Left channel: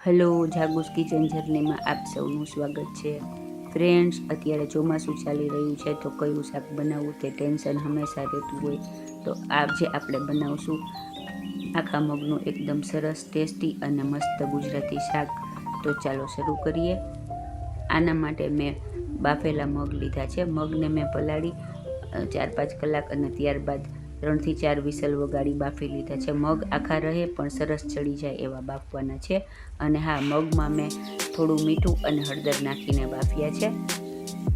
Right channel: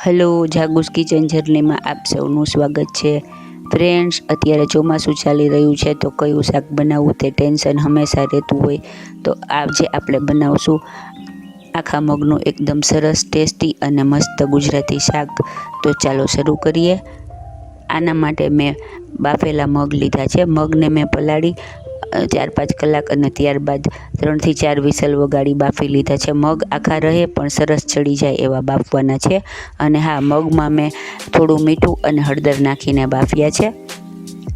Hello, જાગુસ kitchen જર્નીમાં આપ સૌનું સ્વાગત છે. ફ્રેન્ડ્સ, અત્યારે ચોમાસું ચાલી રહ્યું છે તો કયું શાક બનાવવું તે ટેન્શન હંમેશા રહેતું હોય. તો આજે આપણે બનાવશું આખા મગનું એકદમ સરસ ટેસ્ટી અને મસ્ત ગુજરાતી શાક. તો ચાલો શરૂ કરીએ. આના માટે મેં બાફેલા મગ લીધા છે. મગને મેં પલાળી 4-5 કલાક અને ત્યારબાદ 3 થી 4 વિસલ વગાડી બાફી લીધા છે. મગ આખા રહે પણ સરસ ચડી જાય એવા બાફવાના છે. અને હા, મગમાં મેં થોડું મીઠું અને હળદર નાખીને બાફ્યા છે.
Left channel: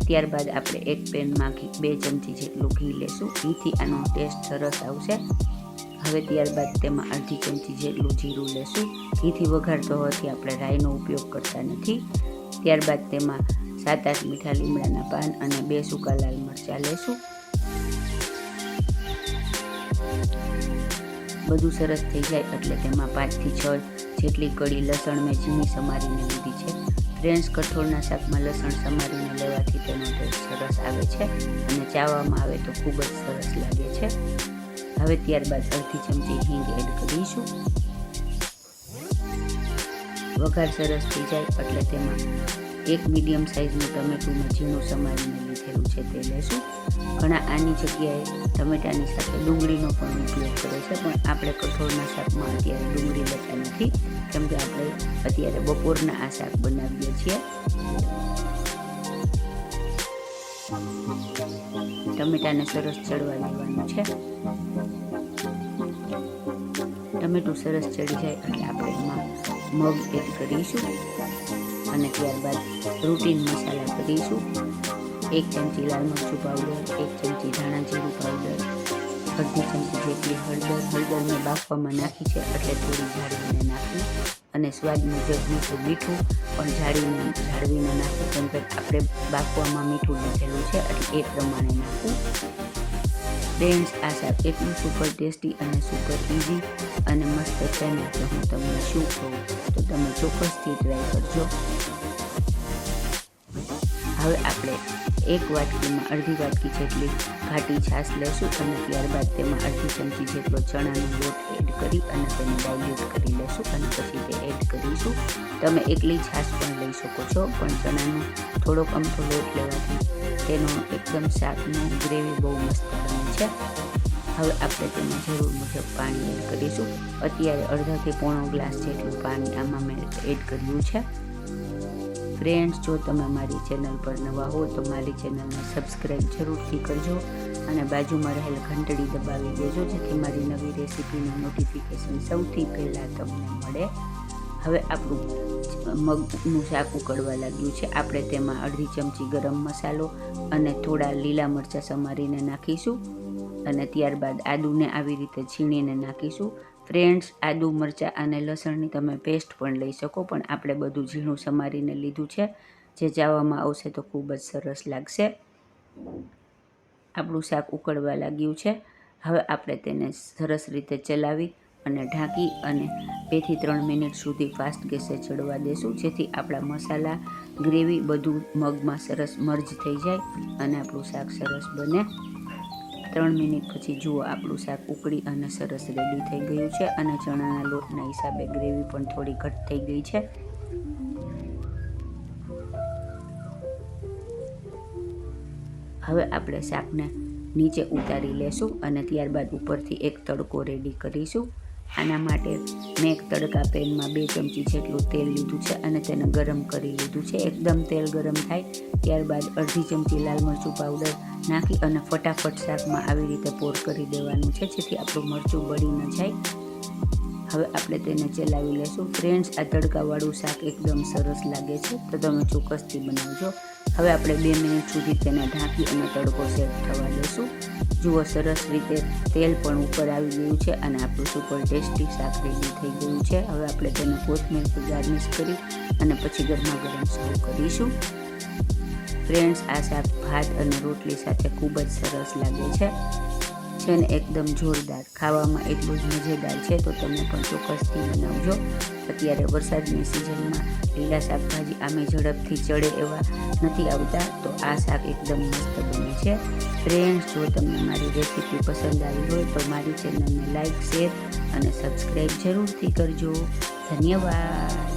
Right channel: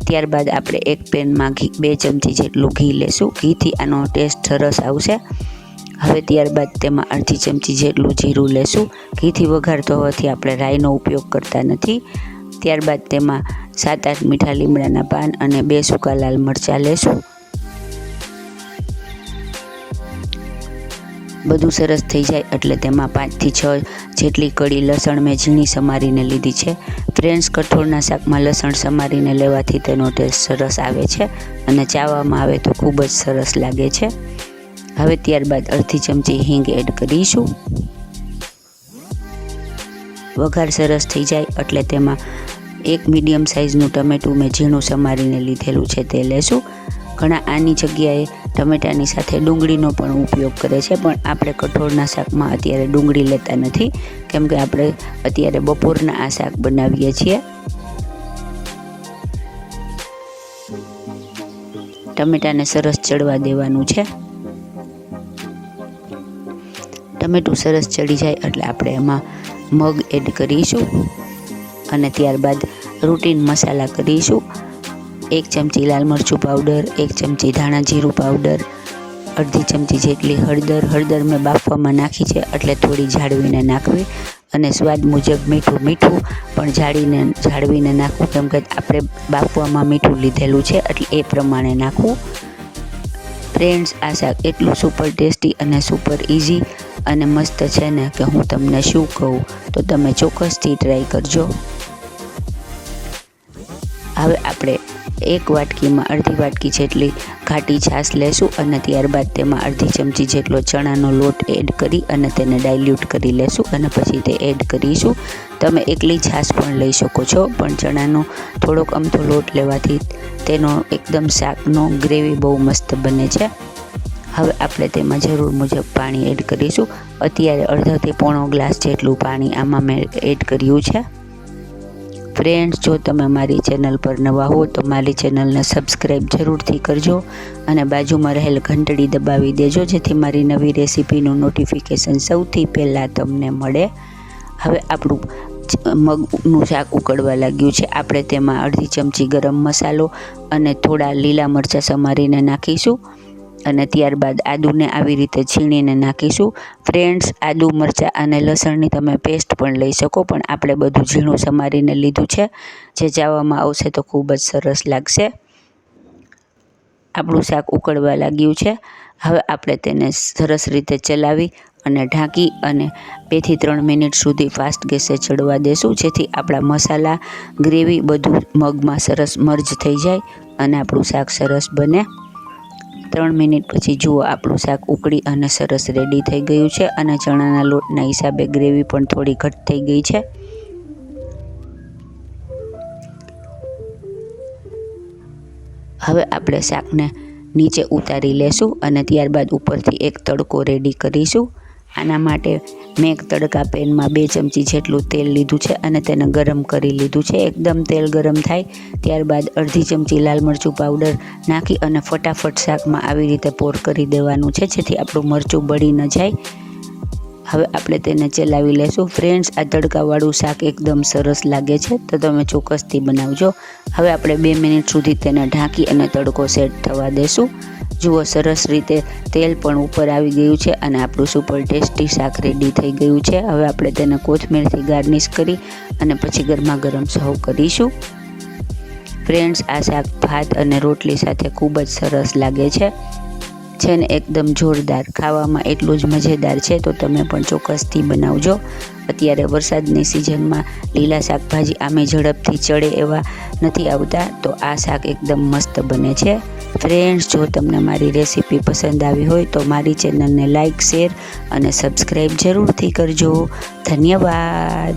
ત્યારબાદ આપણે એક પેનમાં 2 ચમચી જેટલું ઘી લેશું. ઘીથી આનો ટેસ્ટ સરસ આવશે. હવે ત્યારબાદ તેમાં અડધી ચમચી જેટલું જીરું લેશું. ઘીથી વઘારતો હોવાથી આપણે રાઈનો ઉપયોગ કરતા નથી. ત્યારબાદ તેમાં 7-8 મીઠા લીમડાના પાન અને 2 સૂકા લાલ મરચાં લેશું. બધું સરસ થઈ જાય એટલે તેમાં 5 થી 6 જેટલી કળી લસણ મેં ઝીણી સમારીને લીધી છે. ફ્રેન્ડ્સ, કઠોળના શાકમાં લસણ સમારીને લેવાથી તેનો ટેસ્ટ સરસ આવે છે અને ચાવવામાં આવે તો ખૂબ જ સરસ લાગે છે. હવે ત્યારબાદ અડધી ચમચી હિંગ એડ કરીશું. વઘાર સરસ થઈ જાય એટલે તેમાં એક મીડિયમ સાઇઝનું ટમેટું મેં ઝીણું સમારીને લીધેલું છે તે લેશું. ઘણા આની જગ્યાએ ટમેટાની સાથે ડુંગળીનો પણ ઉપયોગ કરે છે, પણ આપણે કઠોળના શાકમાં અત્યારે ડુંગળી લેતા નથી, કેમ કે આપણે અત્યારે બપોરના આ શાક બનાવીએ છીએ. ટમેટાને સરસ ચડવા દેવાનું છે. ટમેટું સરસ ચડી જાય એટલે આપણે એમાં મગ એડ કરીશું અને ત્યારબાદ રૂટીન મસાલા કરીશું. 1 ચમચી લાલ મરચું પાવડર, 1 ચમચી ધાણા જીરું પાવડર, અડધી ચમચી જેટલી હળદર મેં બાફવામાં નાખી છે એટલે થોડી જાળવીને નાખવી, અને સ્વાદ મુજબ મીઠું પણ જાળવીને નાખવું, કેમ કે આપણે બાફવામાં મીઠું લીધેલું છે એટલે એ પ્રમાણે નાખવું. ફ્રેન્ડ્સ, આ શાક એટલું સુપર ટેસ્ટી અને સુપર ઇઝી અને મસ્ત છે ને કે હું તમને શું કહું, તો તમે ચોક્કસથી ટ્રાય કરજો. હવે આપણે એક વાટકીમાં અડધી વાટકી જેટલી ઘાટી છાશ લેશું અને ત્યારબાદ તેમાં અડધી ચમચી જેટલો ચણાનો લોટ એડ કરી અને તેને ડાયલ્યુટ કરી લેશું અને પછી તે એડ કરીશું. તમે એકલી છાશ પણ લઈ શકો છો, પણ ચણાનો થોડોક અમથો લોટ લેવાથી તેનો એકદમ શાકનો ગ્રેવી બહુ મસ્ત બને છે. હવે આપણે તેમાં જરૂર મુજબ પાણી એડ કરીશું. અત્યારે અડધાથી પોણો ગ્લાસ જેટલું પાણી આમાં મેં એડ કર્યું છે. ફ્રેન્ડ્સ, જો તમે મારી ચેનલ પર નવા હો તો મારી ચેનલને સબસ્ક્રાઈબ જરૂરથી કરજો અને બાજુમાં રહેલ ઘંટડી દબાવી દેજો, જેથી મારી નવી રેસીપીનું નોટિફિકેશન સૌથી પહેલાં તમને મળે. હવે આપણું મગનું શાક ઉકળવા લાગ્યું છે. આપણે તેમાં અડધી ચમચી ગરમ મસાલો અને થોડા લીલા મરચાં સમારીને નાખીશું અને ત્યારબાદ આદુને આવી રીતે છીણીને નાખીશું. ફ્રેન્ડ્સ, આદુ, મરચાં અને લસણની તમે પેસ્ટ પણ લઈ શકો, પણ આપણે બધું ઝીણું સમારીને લીધું છે, જે ચાવવામાં આવશે તો ખૂબ જ સરસ લાગશે. આપણું શાક ઉકળવા લાગ્યું છે. હવે આપણે તેને સરસ રીતે ચલાવી અને ઢાંકી અને 2 થી 3 મિનિટ સુધી ફાસ્ટ ગેસે ચડવા દેશું, જેથી આપણા મસાલા, ગ્રેવી બધું મગમાં સરસ મર્જ થઈ જાય અને આપણું શાક સરસ બને. 3 મિનિટ પછી જુઓ, આપણું શાક ઉકળી અને સરસ રેડી થઈ ગયું છે અને ચણાના લોટના હિસાબે ગ્રેવી પણ થોડી ઘટ થઈ ગઈ છે. હવે આપણે શાકને નીચે ઉતારી લેશું અને ત્યારબાદ ઉપરથી એક તડકો રેડી કરીશું. આના માટે મેં એક તડકા પેનમાં 2 ચમચી જેટલું તેલ લીધું છે અને તેને ગરમ કરી લીધું છે. એકદમ તેલ ગરમ થાય ત્યારબાદ અડધી ચમચી લાલ મરચું પાવડર નાખી અને ફટાફટ શાકમાં આવી રીતે પોર કરી દેવાનું છે, જેથી આપણું મરચું બળી ન જાય. હવે આપણે તેને ચલાવી લેશું. ફ્રેન્ડ્સ, આ તડકાવાળું શાક એકદમ સરસ લાગે છે, તો તમે ચોક્કસથી બનાવજો. હવે આપણે 2 મિનિટ સુધી તેને ઢાંકી અને તડકો સેટ થવા દેશું. જુઓ, સરસ રીતે તેલ પણ ઉપર આવી ગયું છે અને આપણું સુપર ટેસ્ટી શાક રેડી થઈ ગયું છે. હવે આપણે તેને કોથમીરથી ગાર્નિશ કરી અને પછી ગરમા ગરમ સર્વ કરીશું. ફ્રેન્ડ્સ, આ શાક ભાત અને રોટલી સાથે ખૂબ જ સરસ લાગે છે ને એકદમ જોરદાર. ખાવામાં એટલું જ મજેદાર છે, તો તમે પણ ચોક્કસથી બનાવજો. અત્યારે વરસાદની સિઝનમાં લીલા શાકભાજી આમે ઝડપથી ચડે એવા નથી આવતા, તો આ શાક એકદમ મસ્ત બને છે. ફ્રેન્ડ્સ, જો તમને મારી રેસીપી પસંદ આવી હોય તો મારી ચેનલને લાઇક, શેર અને સબસ્ક્રાઈબ જરૂરથી કરજો. ધન્યવાદ.